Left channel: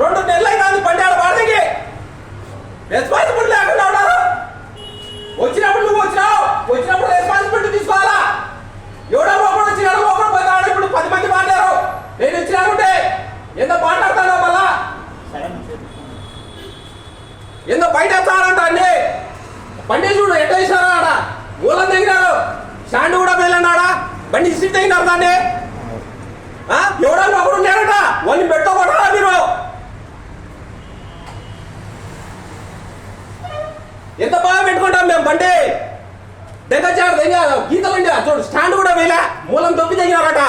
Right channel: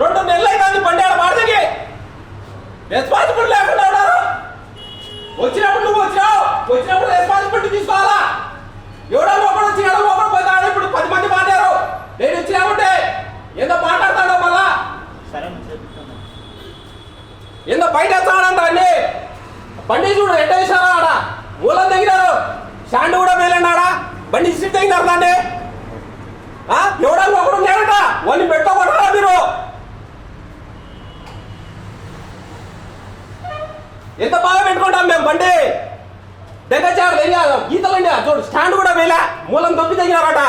2 నెలలు అయినా బండి ఆడ వాడికి రెస్పాన్సిబిలిటీ లేకుండా ఉన్నారు. వచ్చినప్పుడు నువ్వు వచ్చినప్పుడు రెస్పాన్సిబిలిటీ తీసుకోవాలా. ఎవడో ఒకడు వచ్చినాడు ఒకడు పోతాడు. ఇప్పుడు 10 మంది మాట్లాడారు. నేను వచ్చినామంటే ఎంత మాట్లాడతాడో మళ్ళా ఎంత బయట వేస్తాడంట అన్ని బండి చూడు ఎట్ట వేసారా ఆడ మూలం తెగినాడు. స్టాండ్ కూడా వేయలేనాడా బండి ఇసి తెగినారు దాన్ని. ఎవడన్నా ఒకడు ఉన్నాడట వాళ్ళని పెట్టుకోకుండా మీరు ఎంత బాగా పెట్టుకుంటాం మేము బండి దగ్గర గీతలండి చూడు స్టాండ్ కూడా వేయలే మూలం దొబ్బి తెగినారట.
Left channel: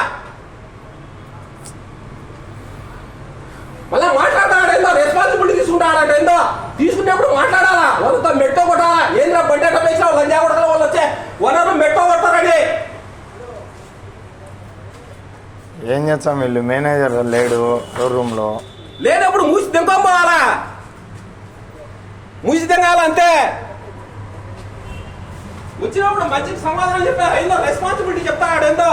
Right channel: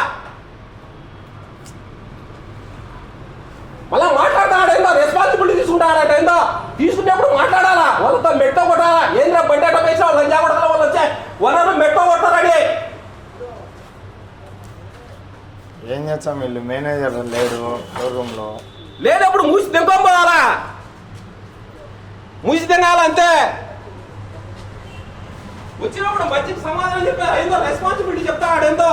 మళ్ళా మాట్లాడతాడు ఏందో రెస్పాన్సిబిలిటీ తీసుకుంటాడట ఏందో తీసుకునేప్పుడు మాట్లాడాలా. వాళ్ళతో మెట్టో కొట్టాలా. ఏంద్రా బండి అట్ట వేసావు లంజా కొడతారు వాళ్ళు వచ్చే వాళ్ళను మెట్టో కొడతారని. ఏం చేస్తాం వీళ్ళు మేనేజర్ లేడు షోరూమ్ లో లేనప్పుడు మూసి తెంకోవాలా మూసి తెంగాల అంతే. వచ్చినప్పుడు మంచికి సమాధానం చెప్పారు ఏందో రెస్పాన్సిబిలిటీ చెప్తాడు ఏందో.